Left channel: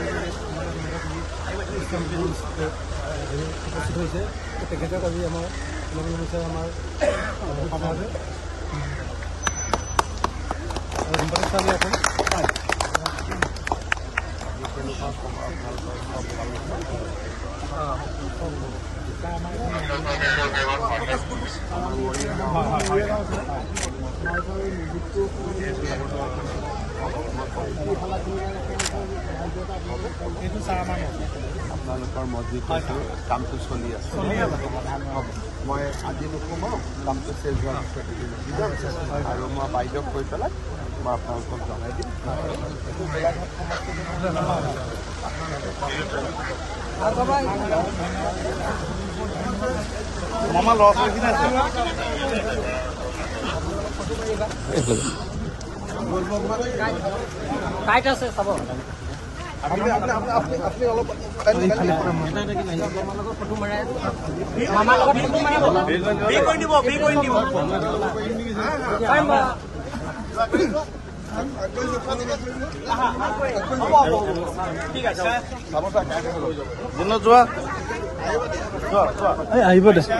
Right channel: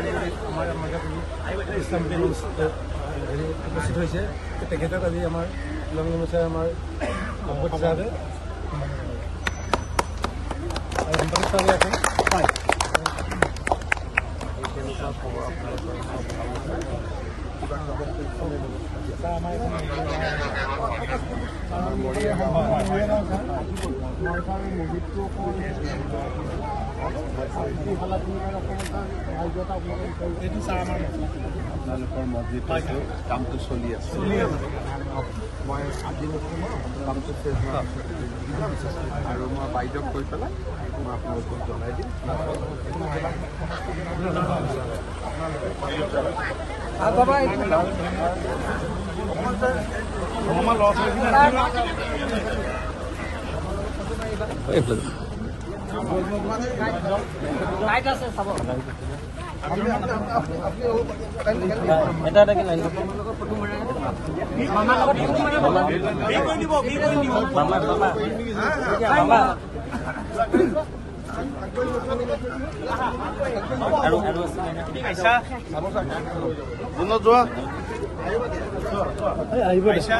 আমাৰ মাজত ইছলাম হেৰি উপস্থিত হৈছে তেখেতক আজি আমাৰ লংগমুচাই আমাৰ সাংসদ হিচাপে আৰু সম্পাদক হিচাপে আছে আমাৰ আপোনালোকৰ মছজিদ কামটো চলি আছে মই আজি কামটো শেষ আৰু মই বাইদেউক কৈ পেলাই মই আপোনালোকক জনাই দিম আহিব দেছে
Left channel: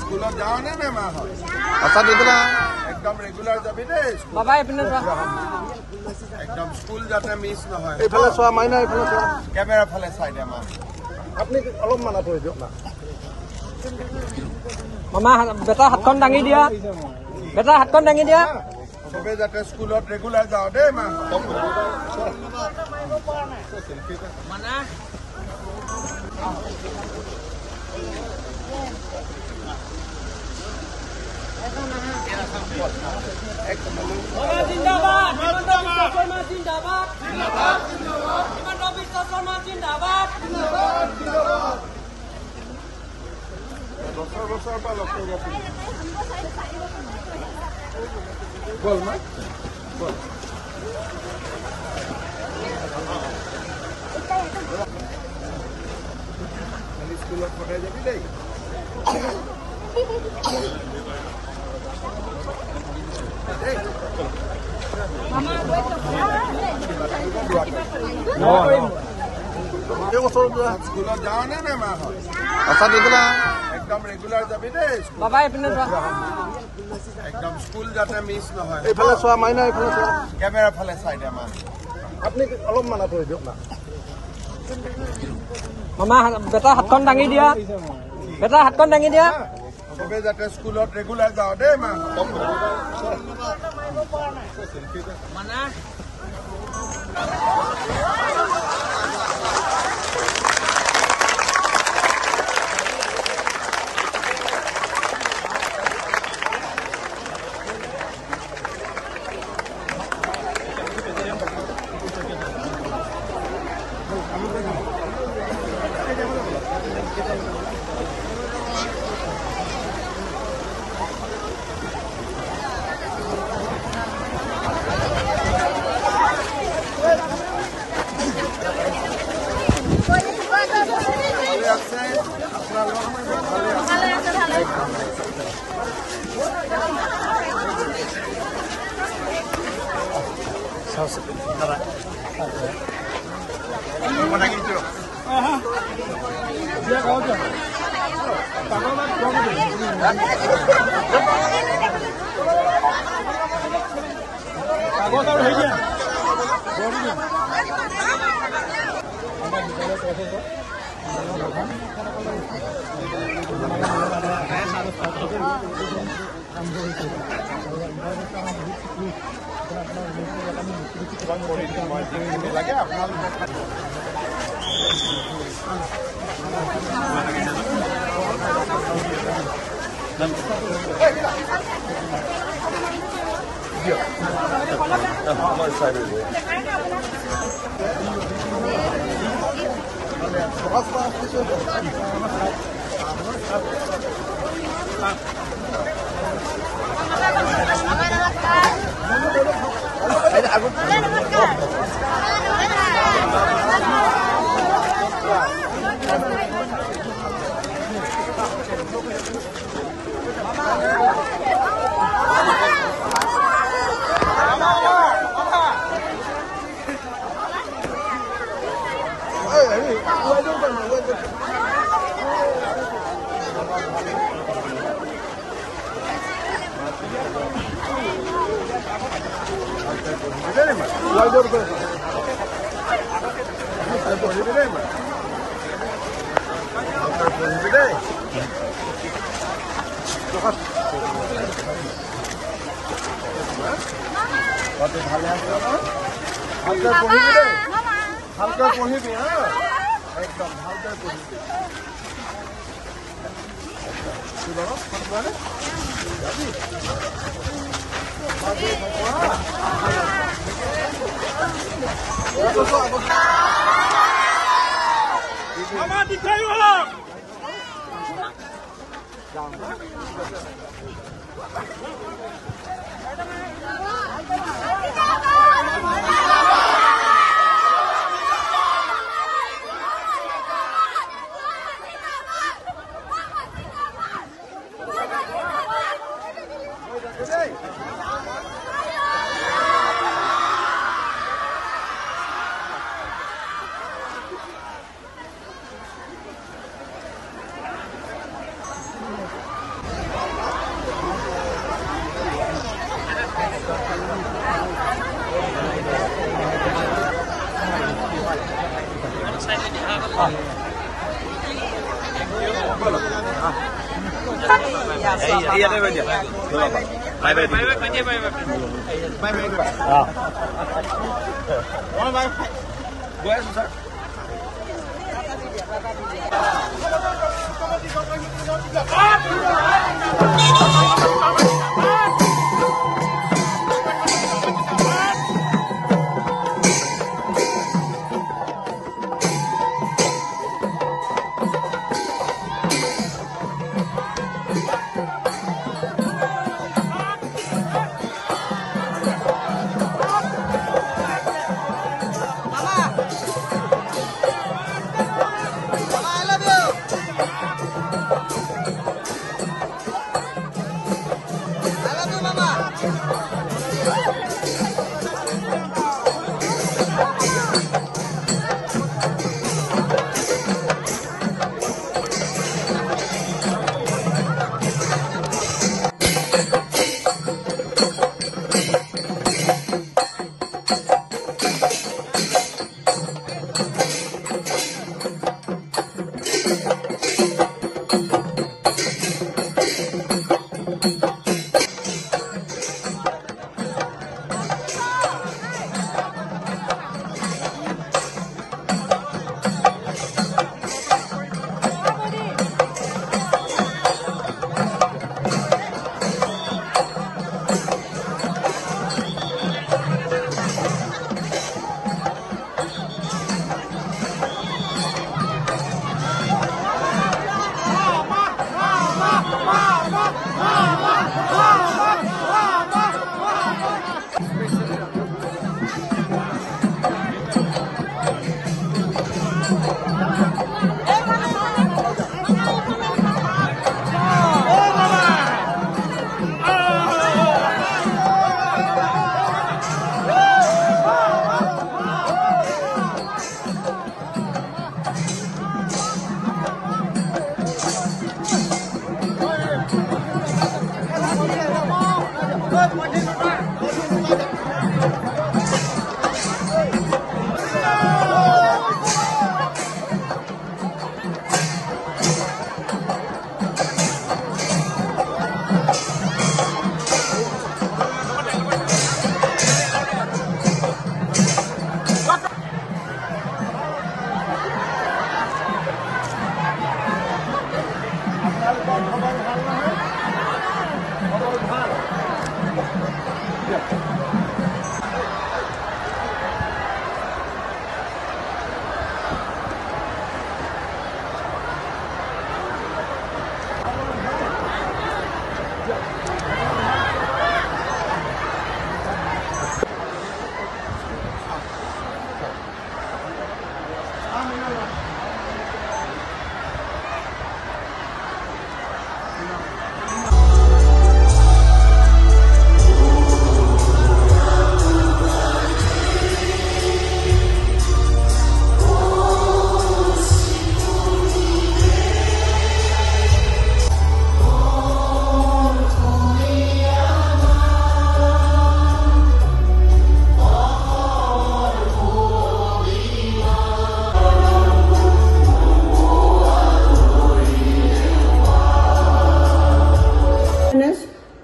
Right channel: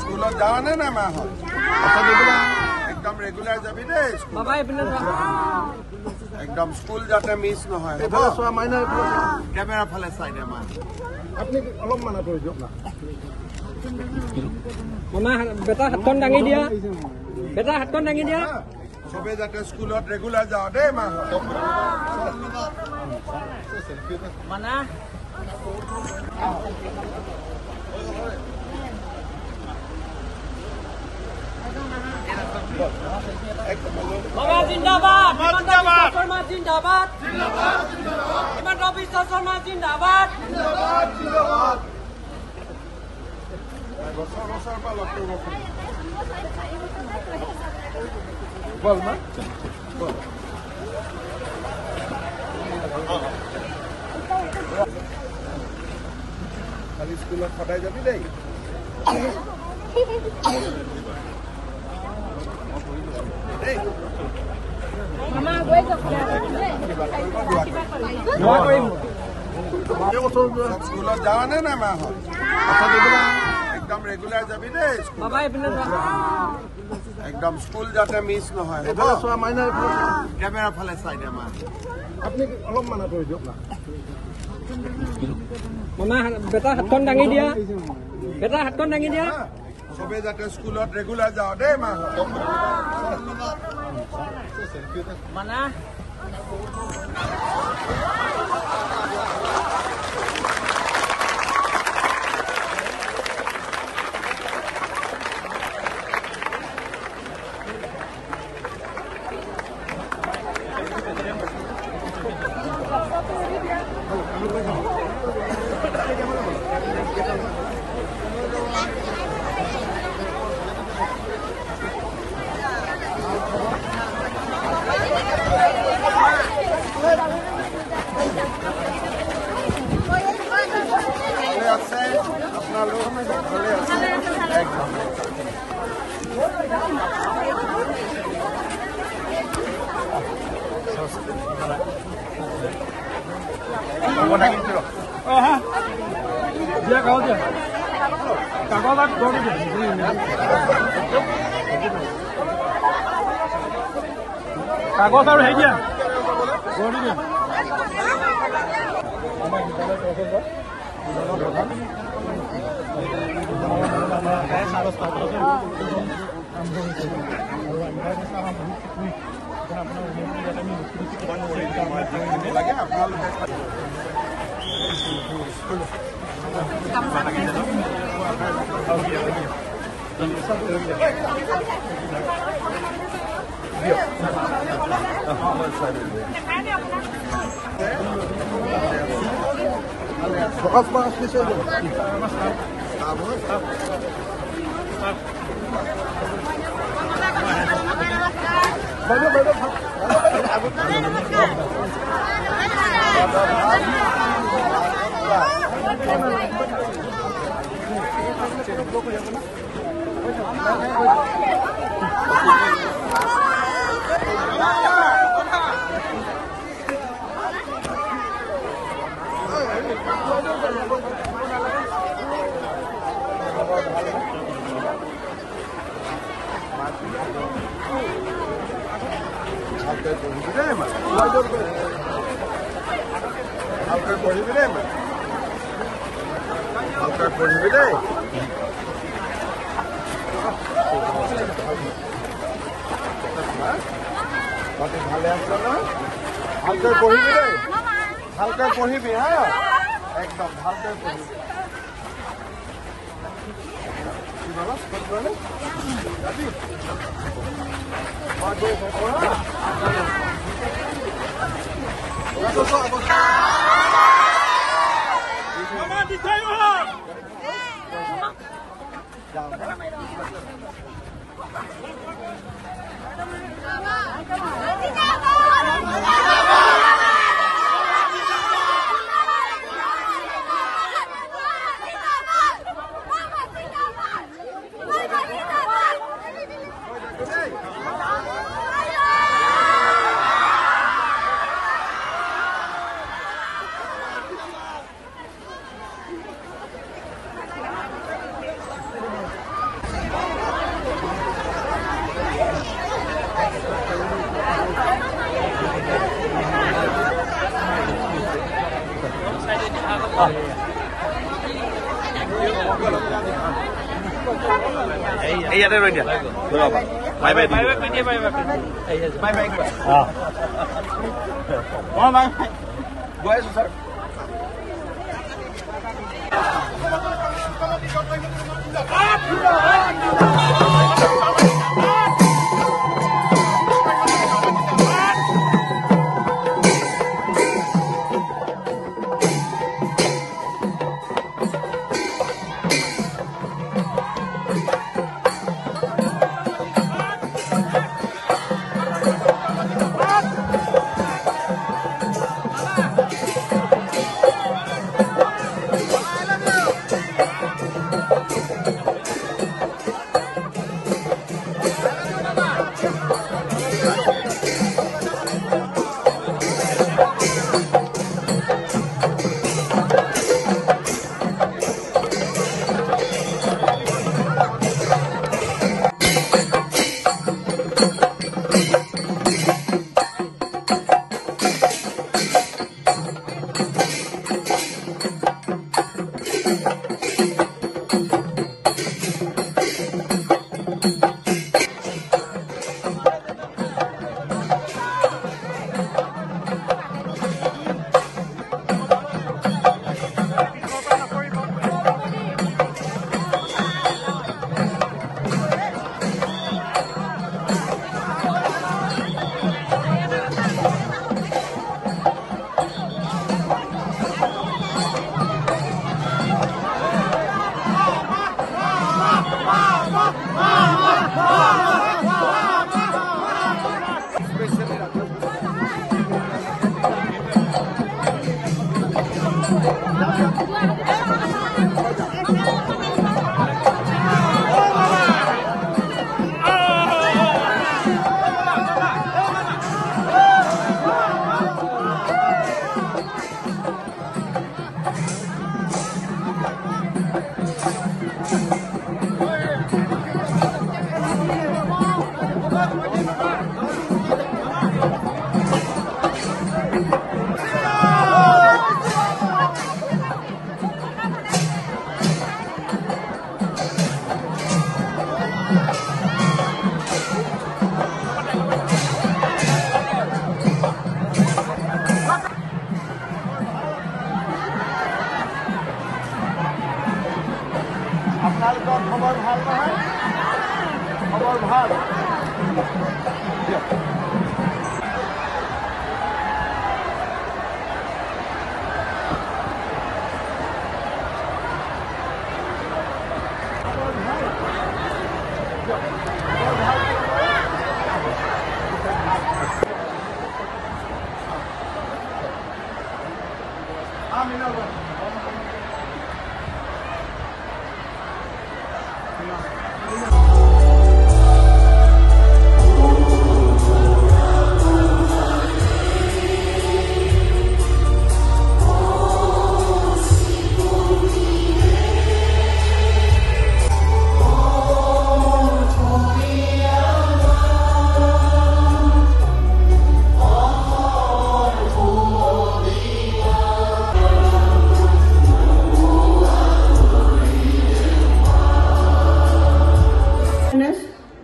স্কুলত যাওঁ নে নাই মাহঁত একদম ৰেগুলাৰ যাবি দেই একদম স্কুল যাতে মিছ নহয় কেমেৰা ফালে চাই দে মান আপুনি অলপ মানা কৰি দিয়ক মামা বেটা হাতখন দাঙি দিয়া বেটা হাতখন দাঙি দিয়া চবে যাতে স্কুলত ৰেগুলাৰ যাওঁ দেই মাহঁত জিন্দাবাদ হিমন্ত বিশ্ব শৰ্মা জিন্দাবাদ হিমন্ত বিশ্ব শৰ্মা জিন্দাবাদ বছৰ বছৰৰ পৰা লগ কৰিব বল মা বল কালি স্কুলত সদায় যাবি দেই স্কুলত যাওঁ নে নাই মাহঁত একদম ৰেগুলাৰ যাবি দেই একদম স্কুল যাতে মিছ নহয় কেমেৰা ফালে চাই দে মান আপুনি অলপ মানা কৰি দিয়ক মামা বেটা হাতখন দাঙি দিয়া বেটা হাতখন দাঙি দিয়া চবে যাতে স্কুলত ৰেগুলাৰ যাওঁ দেই মাহঁত ভালে আছে আপোনালোক ভালে আছে একদম কাগজ আৰু হেৰি ভালকৈ পঢ়িবি দেই মা ভালকৈ পঢ়িবি দেই মা ভালকৈ পঢ়িবি দেই তই ভালে আছ না ভালকৈ পঢ়িবি দেই ভালকৈ পঢ়িবি হা একদম ভালকৈ পঢ়িবি কি বাবা কোনবাৰে যাবি মই গৈ থাকো হা আগত মামা দিখাই वाला যাও না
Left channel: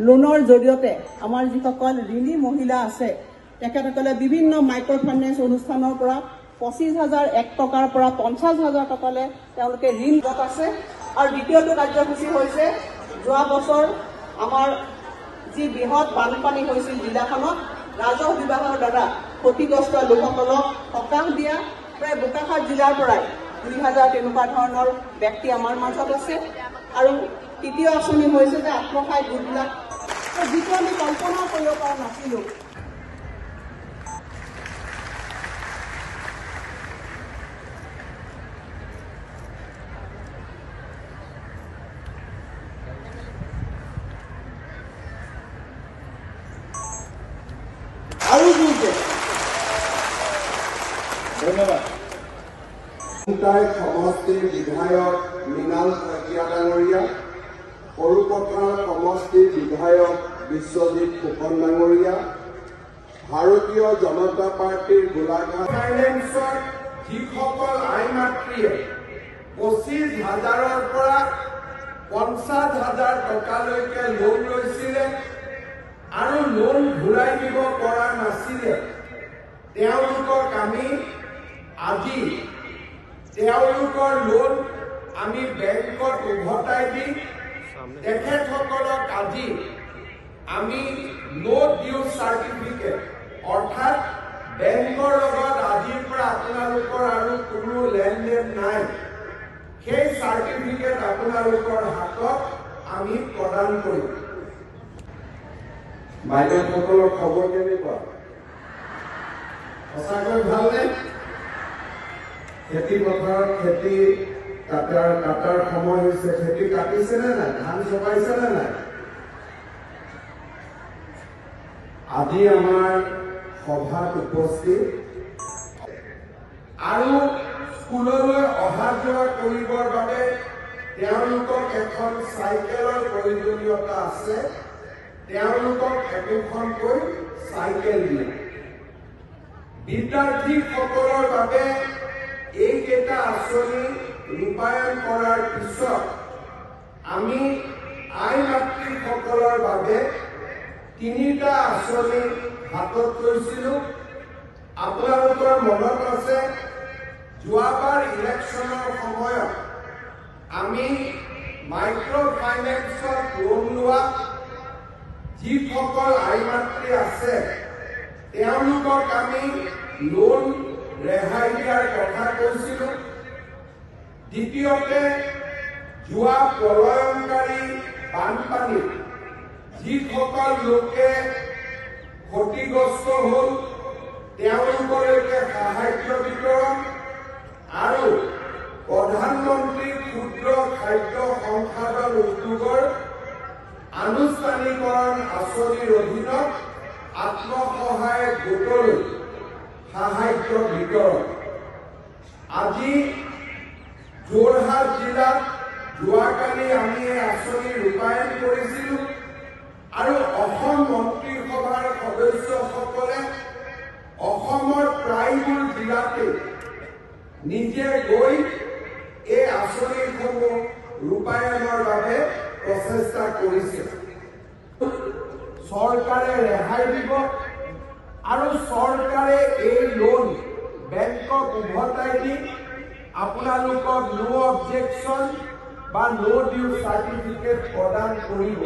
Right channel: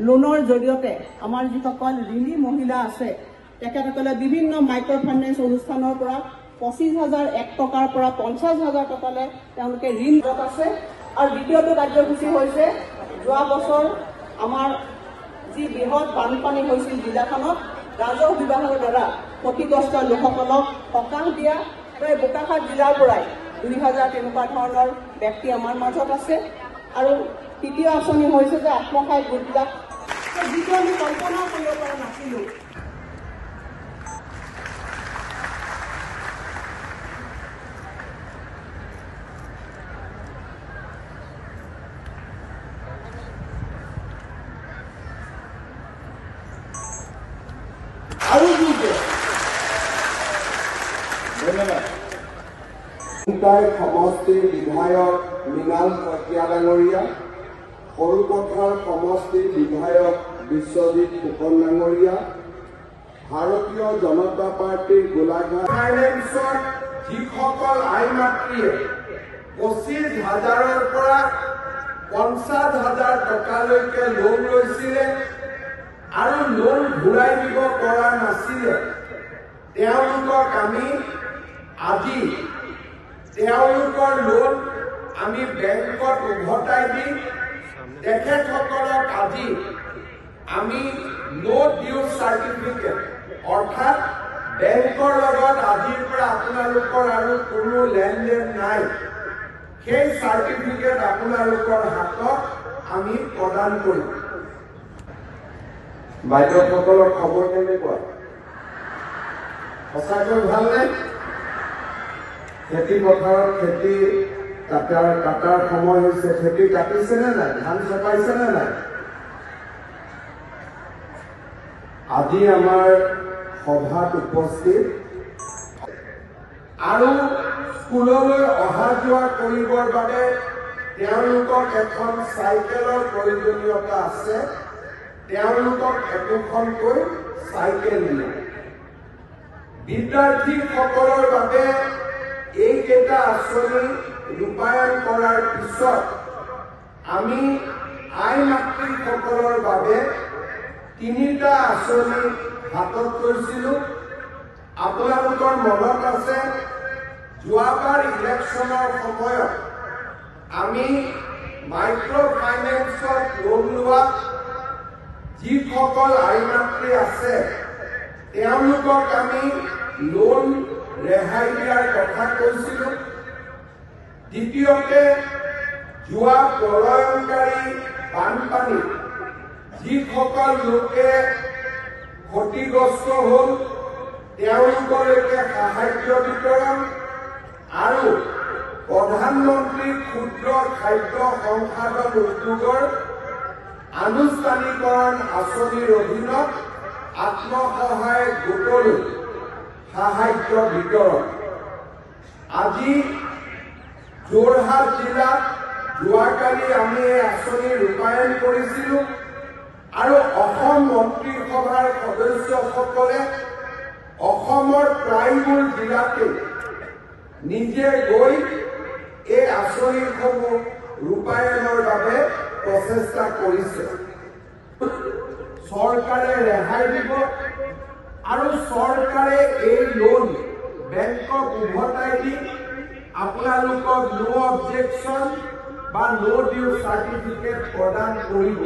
লোনৰ জৰিয়তে আমাৰ যিসকল ঋণী মহিলা আছে তেখেতসকলে বিভিন্ন মাইক্ৰ' ফাইনেন্স অনুষ্ঠানৰ পৰা 25,001 টকাৰ পৰা 50,000 টকালৈ তেওঁলোকে ঋণত আছে। আৰু দ্বিতীয়টো কাৰ্যসূচী হৈছে যোৱা বছৰ আমাৰ যি বৃহৎ বানপানী হৈছিল জিলাখনত ৰাজহ বিভাগৰ দ্বাৰা ক্ষতিগ্ৰস্ত লোকসকলক সকাহ দিয়া প্ৰায় বোকাখাট জিলাৰ পৰাই 2,000 তেনেকুৱা ধৰণৰ ব্যক্তি আমাৰ মাজত আছে। আৰু তৃতীয় আঁচনি হৈছে যে আত্মসহায়ক গোটবিলাক, যিটো আমি কল্পনা কৰিব পৰা নাছিলো। ধন্যবাদ। সমষ্টিৰ বিধায়ক মৃণাল শইকীয়া ডাঙৰীয়া, সৰুপথাৰ সমষ্টিৰ বিধায়ক বিশ্বজিৎ ফুকন ডাঙৰীয়া, ভাৰতীয় জনতা পাৰ্টীৰ গোলাঘাট ফাইনেন্সৰ যিসকল আই মাতৃয়ে 25,000ৰ পৰা 50,000 টকালৈকে লোন লৈছিলে আৰু লোন ঘূৰাই দিব পৰা নাছিলে, তেওঁলোকক আমি আজি তেওঁলোকৰ লোন আমি বেংকত উভতাই দি তেখেতসকলক আজি আমি নো ডিউ চাৰ্টিফিকেট অৰ্থাৎ বেংকৰ লগত আজিৰ পৰা আপোনালোকৰ আৰু কোনো লেনদেন নাই, সেই চাৰ্টিফিকেট আপোনালোকৰ হাতত আমি প্ৰদান কৰিম। বাইদেউসকলৰ খবৰ কেনেকুৱা? সঁচাকৈ ভালনে? খেতি পথাৰত খেতি কাটাৰ সময় হৈছে, খেতি কাটিছে নে নাই? ধান চপাইছে নে নাই? আজি আমাৰ সভাত উপস্থিত আৰু স্কুললৈ অহা যোৱা কৰিবৰ বাবে তেওঁলোকক এখন চাইকেলৰ প্ৰয়োজনীয়তা আছে, তেওঁলোকক একোখনকৈ চাইকেল দিয়ে। বিদ্যাৰ্থীসকলৰ বাবে এইকেইটা আঁচনি ৰূপায়ণ কৰাৰ পিছত আমি আই মাতৃসকলৰ বাবে 3টা আঁচনি হাতত লৈছিলো। আপোনালোকৰ মনত আছে যোৱাবাৰ ইলেকশ্যনৰ সময়ত আমি মাইক্ৰ' ফাইনেন্সত লোন লোৱা যিসকল আই মাতৃ আছে তেওঁলোকক আমি লোন ৰেহাই দিয়াৰ কথা কৈছিলো। দ্বিতীয়তে যোৱা প্ৰলয়ংকাৰী বানপানী যিসকল লোকে ক্ষতিগ্ৰস্ত হ'ল তেওঁলোকলৈকে সাহায্য বিতৰণ আৰু প্ৰধানমন্ত্ৰী ক্ষুদ্ৰ খাদ্য সংসাধন উদ্যোগৰ আনুষ্ঠানিকৰণ আঁচনিৰ অধীনত আত্মসহায়ক গোটলৈ সাহায্য বিতৰণ। আজি যোৰহাট জিলাত যোৱাকালি আমি এই আঁচনি ৰূপায়ণ কৰিছিলো আৰু অসম মন্ত্ৰীসভাৰ সদস্যসকলে অসমৰ প্ৰায়বোৰ জিলাতে নিজে গৈ এই আঁচনিসমূহ ৰূপায়ণৰ বাবে প্ৰচেষ্টা কৰিছে। চৰকাৰে ৰেহাই দিব আৰু চৰকাৰে এই লোন বেংকক উভতাই দি আপোনালোকক নো অবজেকশ্যন বা নো ডিউ চাৰ্টিফিকেট প্ৰদান কৰিব।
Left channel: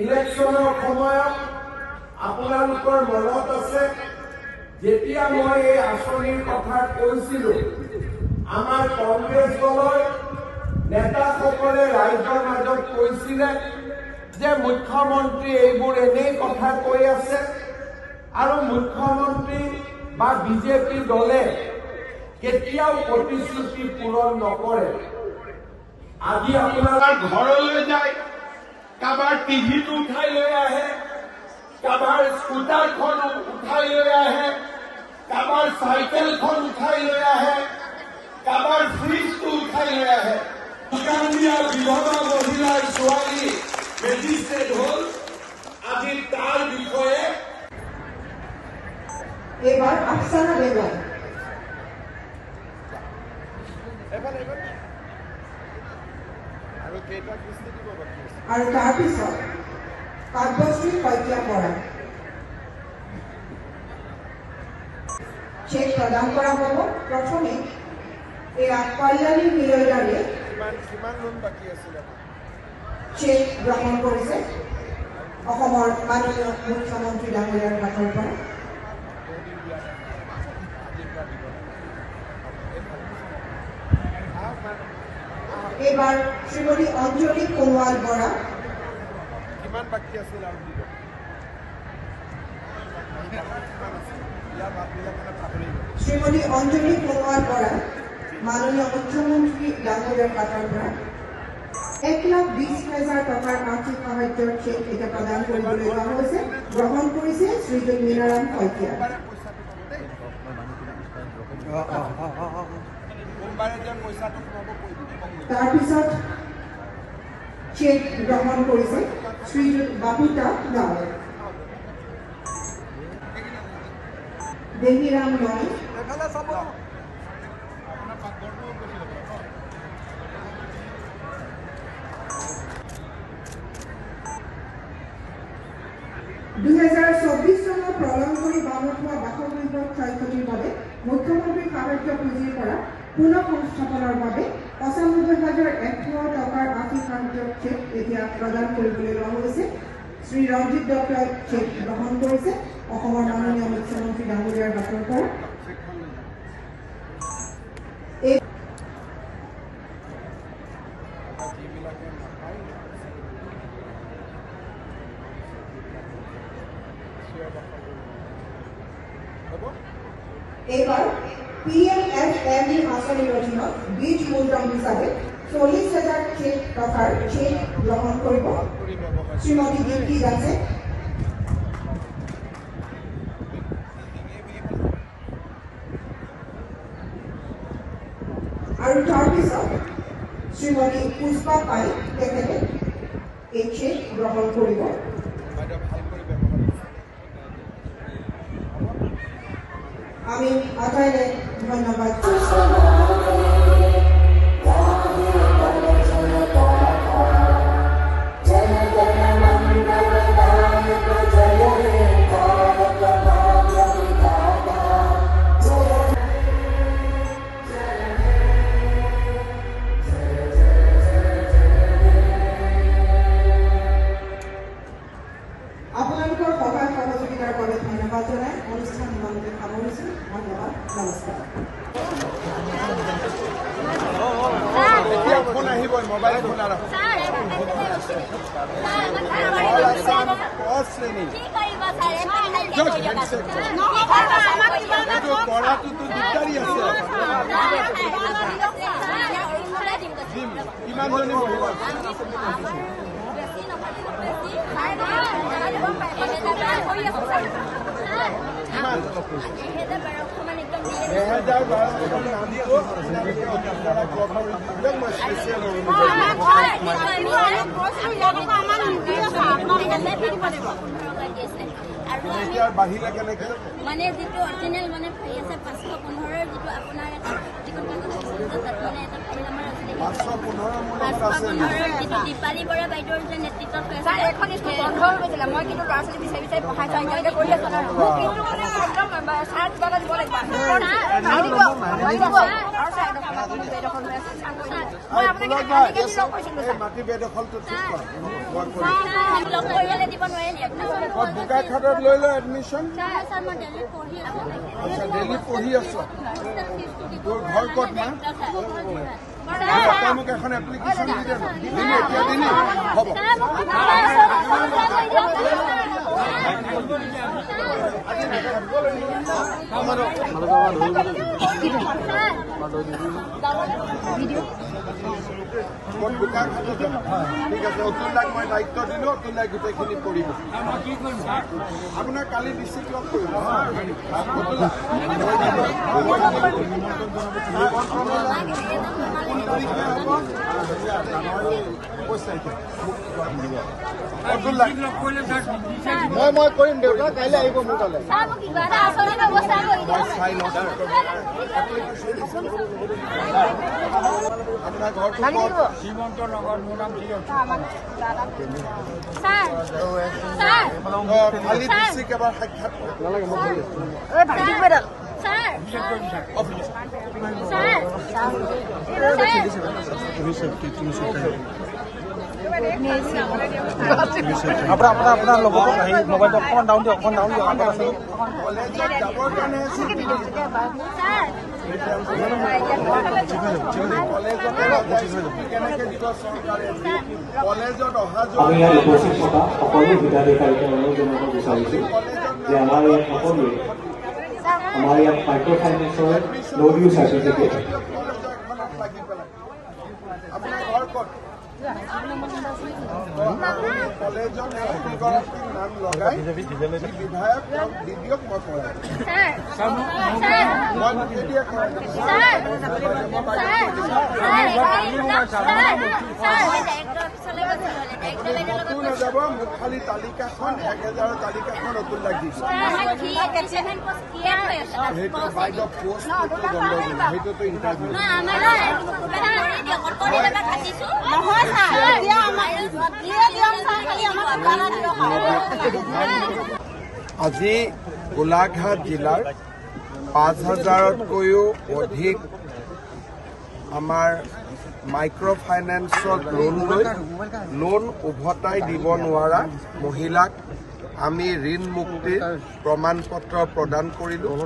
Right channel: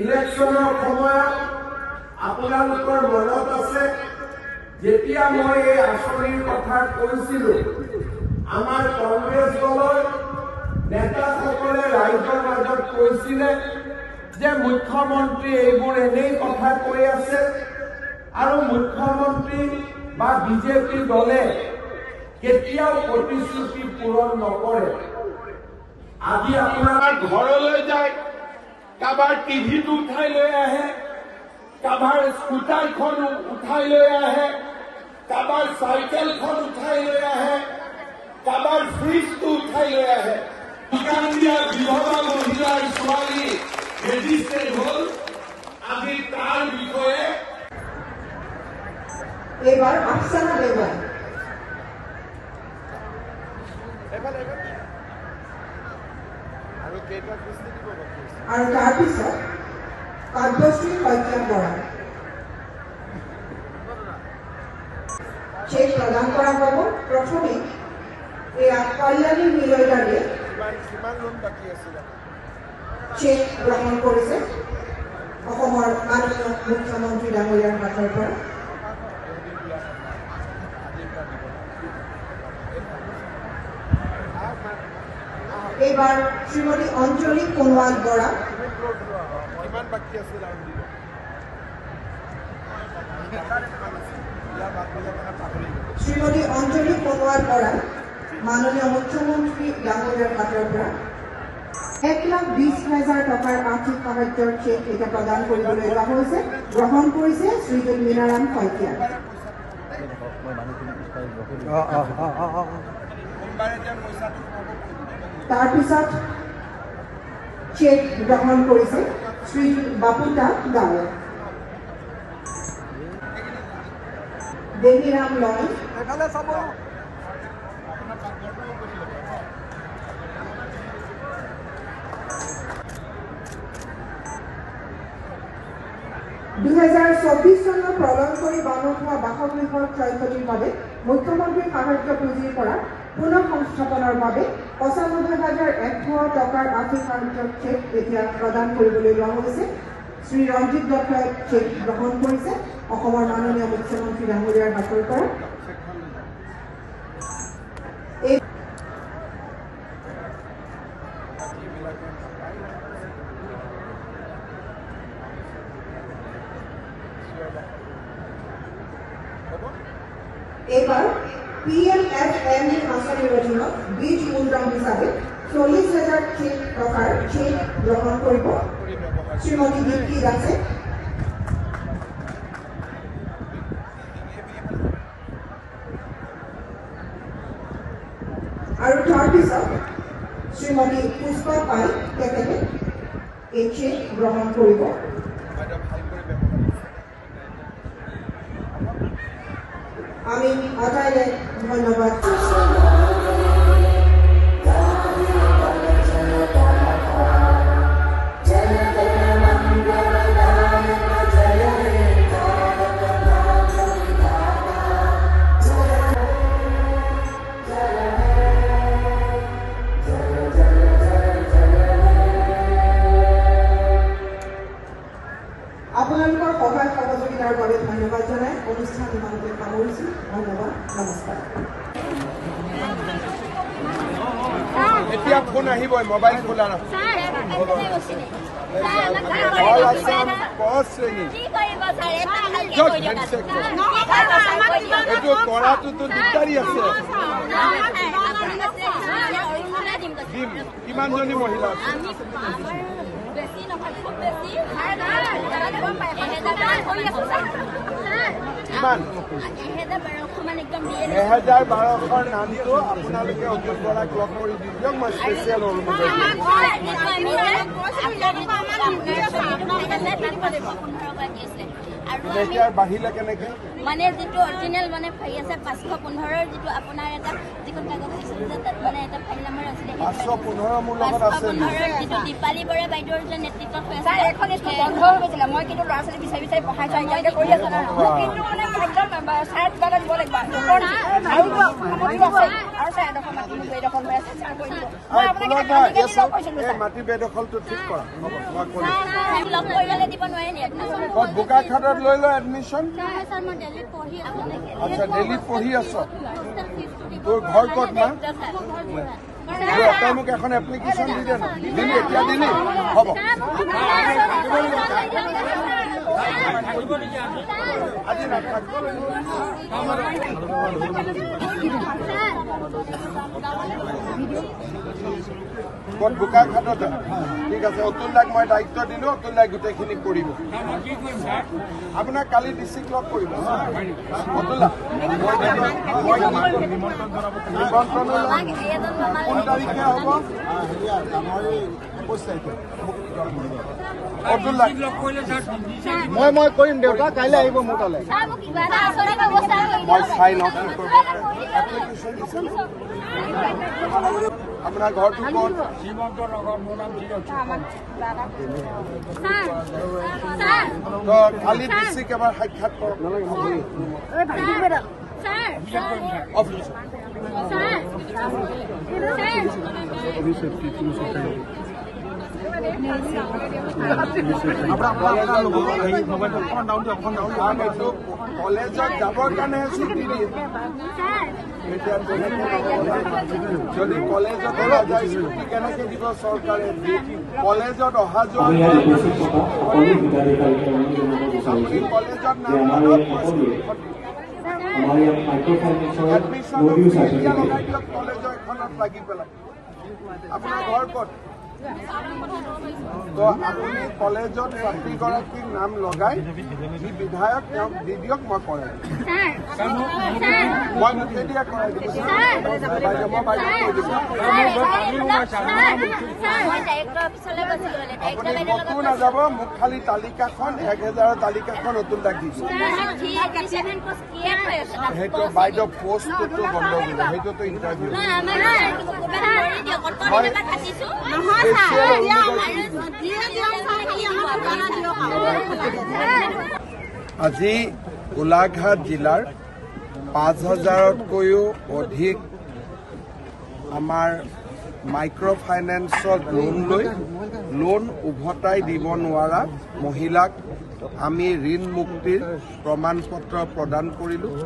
ইলেকশ্যনৰ সময়ত আপোনালোকৰ মনত আছে যেতিয়া মই এই আঁচনিৰ কথা কৈছিলো, আমাৰ কংগ্ৰেছ দলৰ নেতাসকলে ৰাইজৰ মাজত কৈছিলে যে মুখ্যমন্ত্ৰী এইবোৰ এনেই কথা কৈ আছে আৰু মুখ্যমন্ত্ৰী বা বিজেপি দলে কেতিয়াও প্ৰতিশ্ৰুতি পূৰণ নকৰে। আজি আপোনাৰ ঘৰলৈ যায়, কাৰোবাৰ টিভিটো উঠাই লৈ আহে, কাৰোবাৰ স্কুটাৰখন উঠাই লৈ আহে, কাৰোবাৰ চাইকেলখন উঠাই লৈ আহে, কাৰোবাৰ ফ্ৰিজটো উঠাই লৈ আহে। বিধৱা মহিলাৰ ছোৱালী ৰেজিষ্ট্ৰেড হ'ল, আজি তাৰ বিষয়ে এইবাৰ আফচানা বেগম আৰু কেইটা কিস্তি দিব বাকী আছে? আৰু তাৰপিছত কাব্যশ্ৰী শইকীয়া বৰা চেক প্ৰদান কৰা হ'ব। প্ৰথমে এয়া কল্যাণী মিলয়দাৰীয়ে কিমান লোন বাকী আছিলে চেক গ্ৰহণ কৰিছে অসমৰ মাননীয় মুখ্যমন্ত্ৰী ডাঙৰীয়াৰ হাতৰ পৰা। এইবাৰ শ্ৰীমতী অঞ্জলি সোণোৱাল বৰা কিমান বাকী আছিল আৰু দিব শ্ৰীমতী অঞ্জলি সোণোৱাল বৰা মাননীয় মুখ্যমন্ত্ৰী ডাঙৰীয়াৰ হাতৰ পৰা 1,20,000 টকাৰ আৰ্থিক সাহায্যৰ চেক এতিয়া প্ৰদান কৰিবলৈ লোৱা হৈছে। গ্ৰহণ কৰিছে শ্ৰীযুত মীনাৰাম শইকীয়া। তাৰপিছত চেক গ্ৰহণ কৰিছে শ্ৰীযুত বাপিতা দাস, দেৱীৰাম লয়, চনৰ প্ৰলয়ংকৰী বানত হোৱা বাসগৃহৰ ক্ষয়ক্ষতিৰ বাবে মুখ্যমন্ত্ৰীৰ সাহায্য পুঁজিৰ পৰা পুনৰ সংস্থাপনৰ বাবে 95,100 টকাৰ আৰ্থিক সাহায্যৰ চেক এতিয়া প্ৰদান কৰিবলৈ লোৱা হৈছে। শ্ৰী ৰঞ্জিত দত্তই চেক গ্ৰহণ কৰিছে অসমৰ মাননীয় মুখ্যমন্ত্ৰী ডাঙৰীয়াৰ হাতৰ পৰা। এইবাৰ PMFME আঁচনিৰ অধীনত বীজ মূলধন হিচাপে 40,000 টকাৰ চেক গ্ৰহণ কৰিব শ্ৰীমতী দীপ্তি দাসে। আৰু তাৰপিছত শ্ৰীমতী পুষ্পা পাই তেখেতে এই চেক গ্ৰহণ কৰিব। আমি অটাইৰে ধন্যবাদ। আপোনালোকৰ সহায় সহযোগিতাৰ বাবে ধন্যবাদ জনাই অনুষ্ঠান ইমানতে সামৰিছোঁ। ধন্যবাদ, নমস্কাৰ। এতিয়া ফোন আহিবই, মোবাইল খোলা ৰাখক। এইটো কৰাটোতো দিগদাৰী আছে। কিমানজনী মহিলা আছে? কিমান? 10,1200 নামটো আপোনালোকে অতিপৰাক লগ কৰি দিয়ক। মই স্পেচিয়েল আৰু বাঢ়িলে কেনেকে মানে যিটো অৰিজিনেল মানে ফাইল আছে 515 যিটো আপোনাৰ এটা যিখন কাগজ আছে তাত মানে এটা ফাইল নম্বৰ আছে 515 মোৰ লগত আছে। যিটো দীপালী বৰা বাইদেউৰ যে নেতৃত্বত হৈ আছে এখন স্কুল বন্ধ হৈ গৈছিলে। মই কিন্তু ল'ৰা ছোৱালী বিচাৰি বিচাৰি পঢ়াই যাই মই কৰি আছো কিন্তু মানে একদম 4,500 দিব লাগিব আৰু চাৰে এডোখৰ মাটি মোক বেদখল হৈ আছে মই আপোনাক মাটি বেদখলটো ঠিক কৰা। লগ কৰিবলৈ দিব নোৱাৰিলে বোকাখাটত লৈ লওঁ এডমিশ্যন। ছাৰ মই দিল্লীত পঢ়ি আছো। আচ্ছা, দিল্লীত পঢ়ি আছ? তোৰ ঘৰ ক'ত না? তই মোক এখন এপ্লিকেশ্যন দি দে। দিলি এতিয়া দিলি? হ'ব। আজি ক'ত বোকাখাটত যাম? ঠিক আছে, অতুল দাক মই দায়িত্ব দিলোঁ। অতুল দাই গোটেইখিনি কৰিব। আপোনাক কালি ডিষ্ট্ৰিক্ট লগ কৰিব। অতুল দা জানুৱাৰী 21 তাৰিখে অতুল দাক মই কৰিম। দেউতা কাইলৈ আহিব মোৰ তালৈ। মই চাই লওঁ এপ্লিকেশ্যন আপোনাৰ ঘৰটো ক'ত? কালি ডিষ্ট্ৰিক্ট এবাৰ সাক্ষাৎ কৰক। কলেজত যাবৰ কাৰণে যদি কলেজতে নাযায় স্কুটি কেনেকে দিব চৰকাৰে? কলেজত অহা যোৱা আমি ইয়াত উপস্থিত থকা সকলো হিতাধিকাৰীকে অনুৰোধ জনাব বিচাৰিছোঁ যে আমাৰ ইয়াত সকলোৱে আমাৰ ইয়াত মাইক্ৰ' ফাইনেন্সৰ নো ডিউ চাৰ্টিফিকেট লাগি পেলাই আপোনাৰ ঘৰ ক'ত? তো আপুনি কলেজত এগৰাকীৰ নাম লগাই যি বিধায়ক তেওঁক দি দিয়ক, মই কৰাই নাযাব। মোক খালি তালিকাখন 1000 তালিকাখন অতুল লাগি সেইটো বাইদেউ পোষ্টটো বন্ধ দিলে, সেইটোতো ইণ্টাৰভিউ আজি গোলাঘাট জিলাৰ 5000তকৈও অধিক আমাৰ মাইক্ৰ' ফাইনেন্সত লোন উভতাই দিব নোৱাৰা মহিলাক আমি ঋণ মুক্তিৰ প্ৰমাণ পত্ৰ প্ৰদান কৰিলোঁ।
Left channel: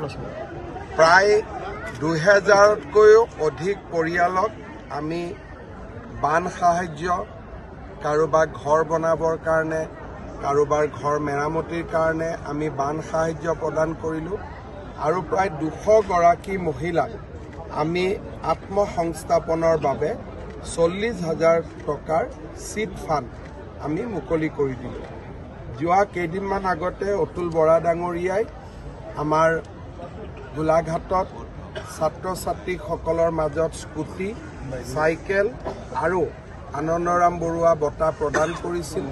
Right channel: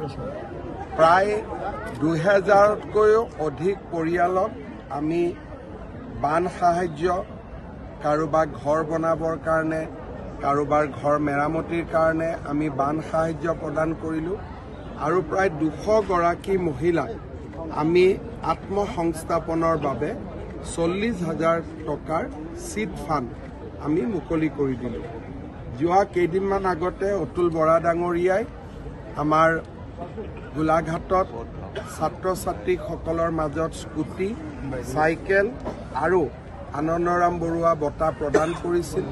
প্ৰায় 2000তকৈও অধিক পৰিয়ালক আমি বান সাহায্য, কাৰোবাৰ ঘৰ বনাবৰ কাৰণে, কাৰোবাৰ ঘৰ মেৰামতিৰ কাৰণে আমি বান সাহায্য প্ৰদান কৰিলোঁ। আৰু প্ৰায় 200 গৰাকী মহিলাক আমি আত্মসংস্থাপনৰ বাবে 40,000 টকাৰ চিট ফাণ্ড আমি মুকলি কৰি দিলোঁ। যোৱা কেইদিনমান আগতে অতুল বৰা ডাঙৰীয়াই আমাৰ গোলাঘাটত ছাত্ৰ ছাত্ৰীসকলৰ মাজত স্কুটি, চাইকেল আৰু আনন্দৰাম বৰুৱা বঁটা প্ৰদান কৰিছিল।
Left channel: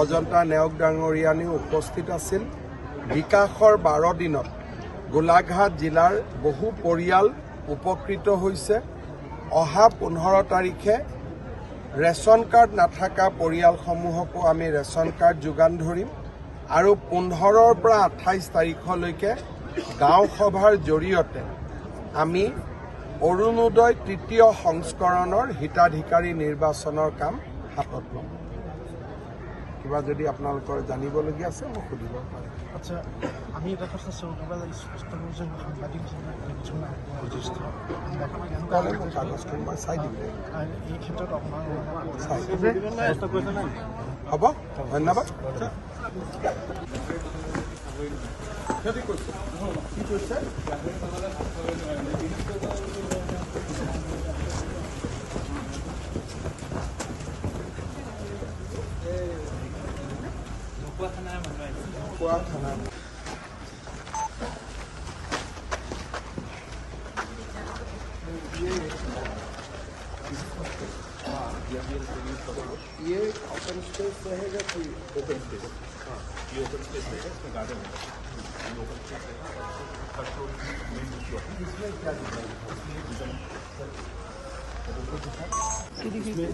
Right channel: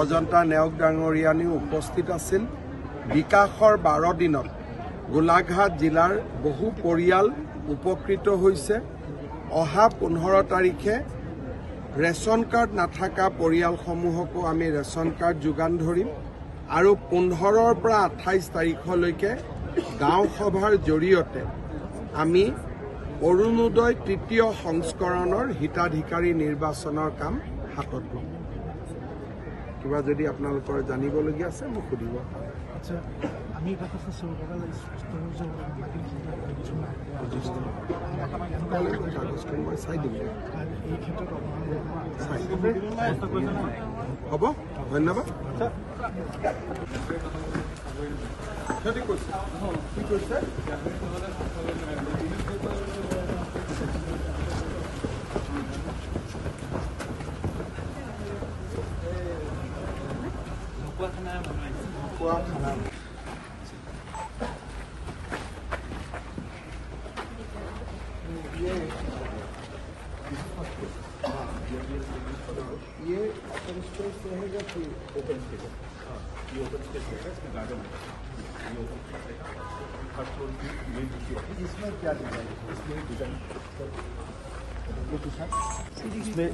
অজন্তা নেওগ ডাঙৰীয়ানীও উপস্থিত আছিল। বিকাশৰ 12 দিনত গোলাঘাট জিলাৰ বহু পৰিয়াল উপকৃত হৈছে। অহা 15 তাৰিখে ৰেচন কাৰ্ড নাথাকা পৰিয়ালসমূহকো আমি ৰেচন কাৰ্ড যোগান ধৰিম আৰু 15ৰ পৰা 28 তাৰিখলৈকে গাঁও সভাৰ জৰিয়তে আমি অৰুণোদয় 3য় সংস্কৰণৰ হিতাধিকাৰী নিৰ্বাচনৰ কাম হাতত ল'ম। কিবা যদি আপোনালোকৰ জানিবলগীয়া আছে মোক সুধিব পাৰে। আচ্ছা, আমি এটা কথা চৰকাৰৰ স্পষ্ট যে কাগজখন মই চাই দিম। এই ক্ষেত্ৰত হ'ব, ধন্যবাদ। কি কৈছে? ये ओपन स्पेस रहेगा कि ओपन स्पेस? ये ओपन स्पेस है, इसमें गार्डन है। ये ओपन स्पेस रहेगा, फर्स्ट फ्लोर की मेन ड्यूटी ऑफिस। इसमें क्या डिजाइन है? इसमें डिजाइन इसमें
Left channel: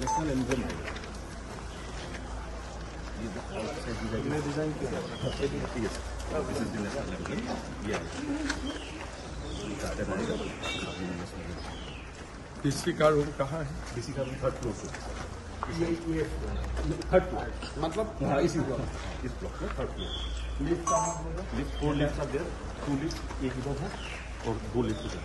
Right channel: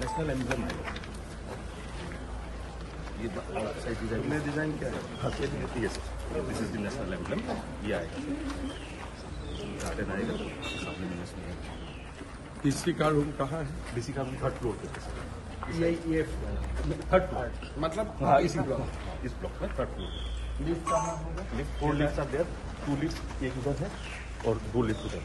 नेशनल एम्ब्लम है। ये आउटसाइड डिजाइन में डिजाइन क्या है? ये sir, this is the national emblem. ये आएगा, गार्डन आएगा। डीसी का रूम कहाँ है? डीसी का रूम 3rd फ्लोर से। ये 3rd फ्लोर मतलब हाँ, इसी ब्लॉक, इस ब्लॉक में 3rd फ्लोर। लिफ्ट कहाँ होगा? Lift 4 lift are there, 2 lift, एक इधर है और 2 लिफ्ट उधर।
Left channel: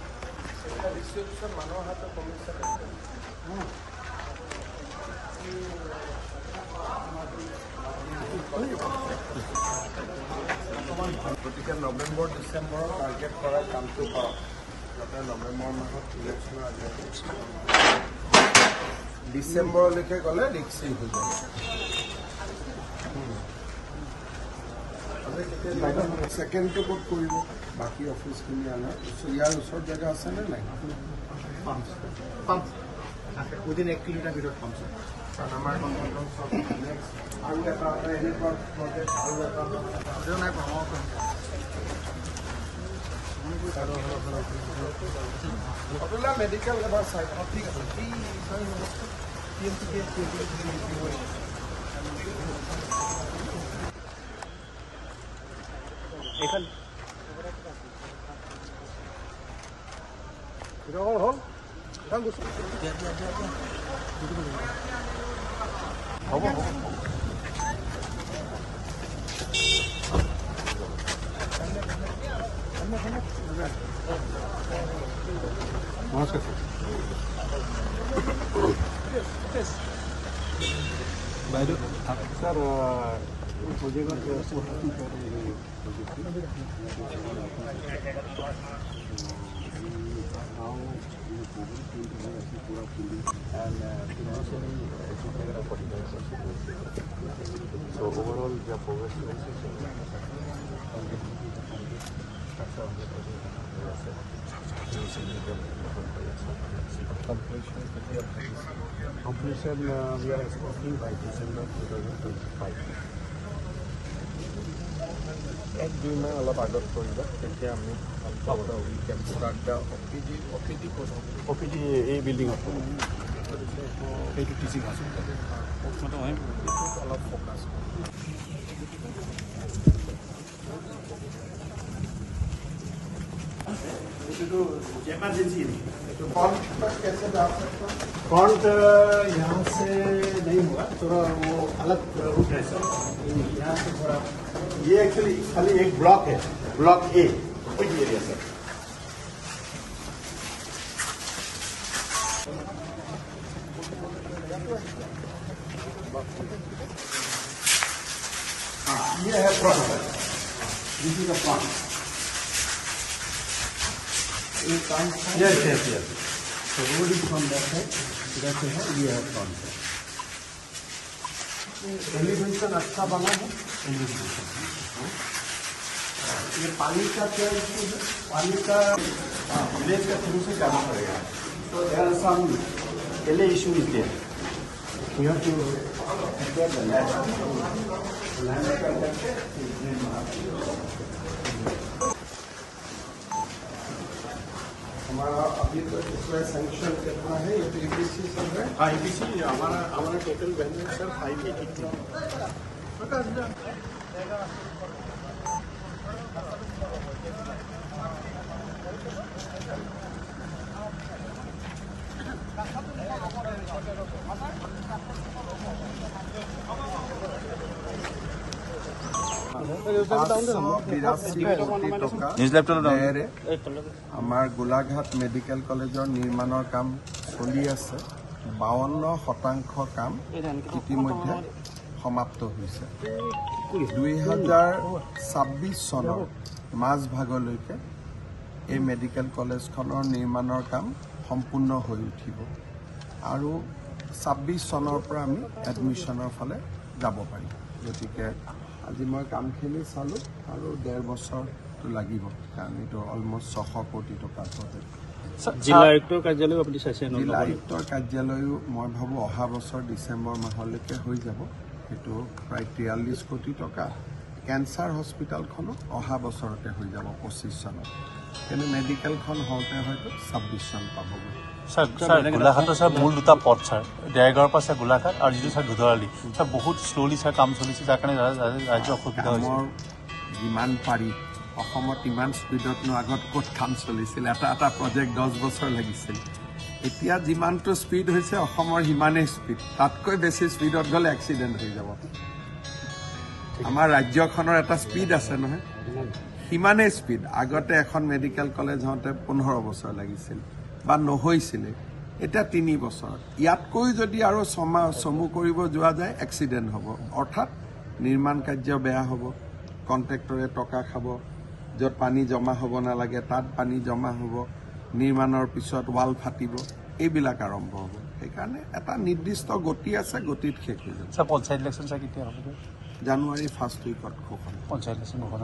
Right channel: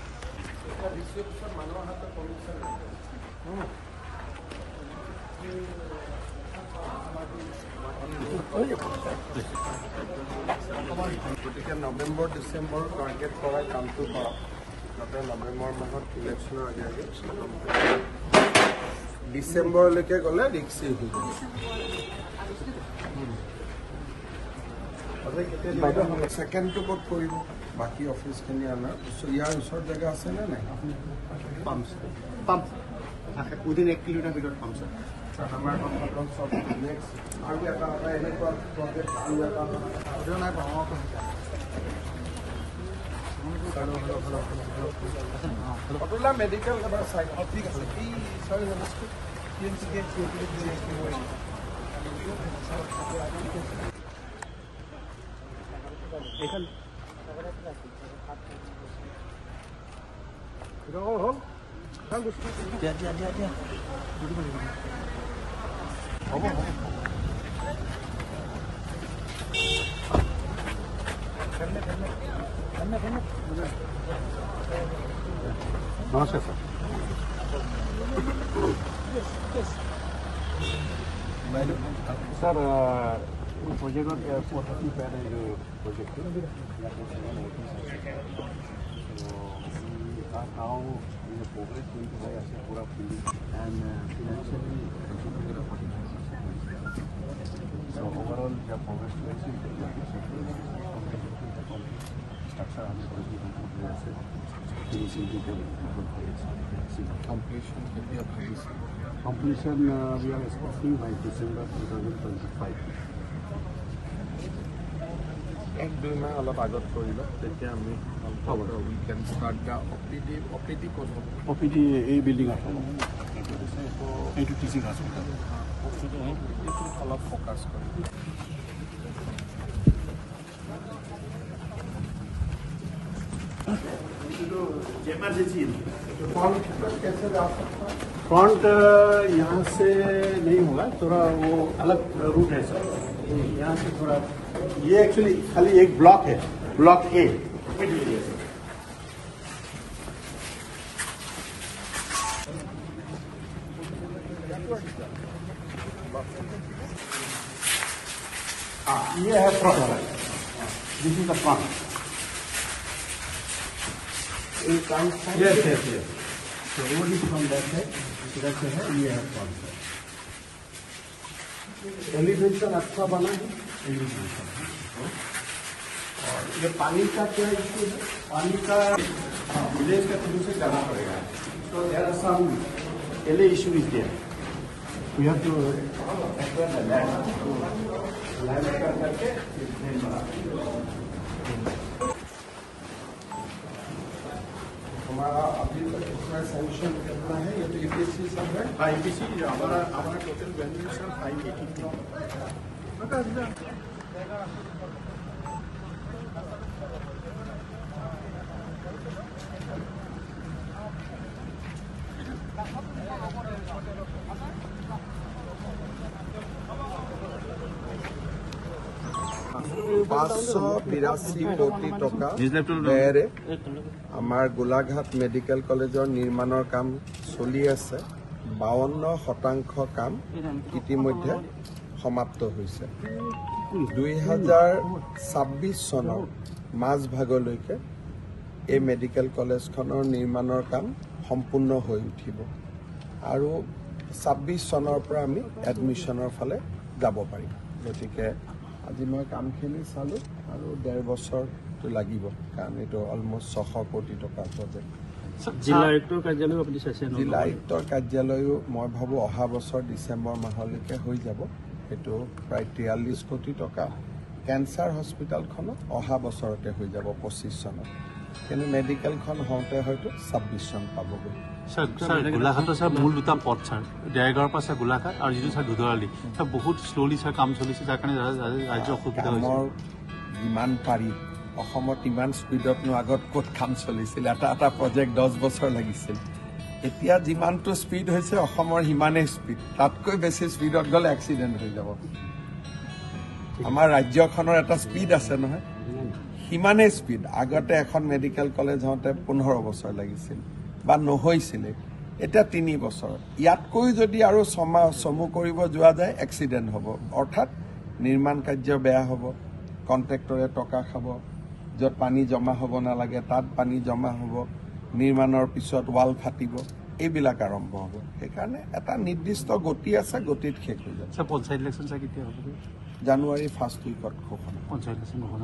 গতিকে নৱেম্বৰ ডিচেম্বৰত টাৰ্গেট কৰাৰ কামটো কৰক, যাতে নৱেম্বৰ মাহত ইলেকশ্যনৰ আগে আগে ডিচেম্বৰলৈকে গ'লে ৰিক্সি হৈ যাব। ছেকেণ্ডটো ক'ত কৰিব? বাকী অফিচখিনি অনাৰ ইয়াৰ ওচৰত জেগা আছেনে নাই? পাম্প উইদিন 1 কিলোমিটাৰ ভিতৰত পাম ছাৰ। আমাৰ চব নেক্সট আৰু এটা এনেকুৱা প্ৰজেক্ট আৰু এটা নাই পাওঁ। Abdullah medical about side. How big is it? Sorry, So overall, the progress completion we are expecting by December 2025. and do now all about it. We can start the OPD course. OPD A building up. A to teaching hospital. Focus. Front यहाँ से नहीं होगा, थोड़ा वो अलग root है sir. यहाँ से थोड़ा ये एक्चुअली खाली एक ब्लॉक है, ब्लॉक ए सर। ये है front, this is the front. Yes. So what is on that side? That's है, ये है front side. एलिवेशन अच्छा बना है, एलिवेशन। ये पानी का क्या इश्यू है? पानी का विलेज का थ्रू से करना पड़ेगा। तो there are some ale issues there. We have to acquire the land करके हमारा अभी तक इसमें सैंक्शन कितना है? ये तो EPC सब है। EPC हमारा टोटल वैल्यू है 580 करोड़। $582 কোটি টকা ব্যয়েৰে আমাৰ গোলাঘাট মেডিকেল কলেজৰ নিৰ্মাণৰ কাম চলি আছে। 52% কাম ইতিমধ্যে সমাপ্ত হৈছে। 2026 চনৰ মাজভাগলৈকে এই মেডিকেল কলেজখনৰ নিৰ্মাণৰ কাম সম্পূৰ্ণ হৈ উঠিব আৰু 26 চনৰ পৰা আমি এডমিশ্যনৰ ফালে যাব পাৰিম। গতিকে আজি মই কামখিনি চালোঁ আৰু 1.5 বছৰটো লাগিব, কাৰণ এইটো অলমষ্ট 600 কোটি টকাৰ প্ৰজেক্ট। জিলা আয়ুক্তৰ কাৰ্যালয় আপুনি চাইছে? জিলা আয়ুক্তৰ কাৰ্যালয়ো মই ভাবোঁ অহা বছৰ ডিচেম্বৰ মাহলৈকে হৈ যাব। সেইটো প্ৰায় 43 কোটি টকা। কেঞ্চাৰ হস্পিটেলখনো অহা বছৰতে হৈ যাব 25 চনত, কিন্তু মেডিকেলখন হওঁতে হয়তো 26 চন পাবগৈ। স্যার গোলাঘাটৰ স্যাৰ মূল দুটা পথ স্যাৰ, দেৰগাঁৱৰ পৰা স্যাৰ গোলাঘাট আৰু যিটো স্যাৰ দুধৰালি স্যাৰ বহুত শ্ল'লি স্যাৰ কাম চলিছে, যাৰ কাৰণে ৰাজ্য অসুবিধা হৈছে। যিমান পাৰি অসমত ইমান স্পীডতনো আগত ক'ত কাম চলিছিল? এটা প্ৰজেক্ট 10 বছৰ লাগিছিল। এতিয়া যিমানটো স্পীড হৈছে অসমৰ সিমানেই স্পীড, তাতকৈ বেছি স্পীডত গ'লে এক্সিডেণ্ট হৈ যাব। আমাৰ ৰাজ্যখনৰ এটা স্পীড আছে নহয়, সিমানেই স্পীড। আগতে এখন মেডিকেল কলেজ হওঁতে 15 বছৰ লাগিছিল বা নহৈছিলে, এতিয়া 3 বছৰ। ইয়াতকৈ যদি আৰু চমু কৰিব যোৱা যায় এক্সিডেণ্ট হ'ব, অৰ্থাৎ নিৰ্মাণ কাৰ্য বেয়া হ'ব, কণ্ট্ৰেক্টৰে টকা খাব, য'ত পানী জমা হ'ব নালাগে তাত পানী জমা হ'ব, নিৰ্মাণৰ পিছত ৱাল ফাটিব, এইবিলাক আৰম্ভ হ'ব। সেইকাৰণে এটা নিৰ্দিষ্ট গতি আছে, গতিত শেষ হৈ যাব। পঞ্চায়ত ইলেকশ্যন কেতিয়া হ'ব? জানুৱাৰী ফাৰ্ষ্ট উইকত হ'ব। পঞ্চায়ত ইলেকশ্যন হ'ব।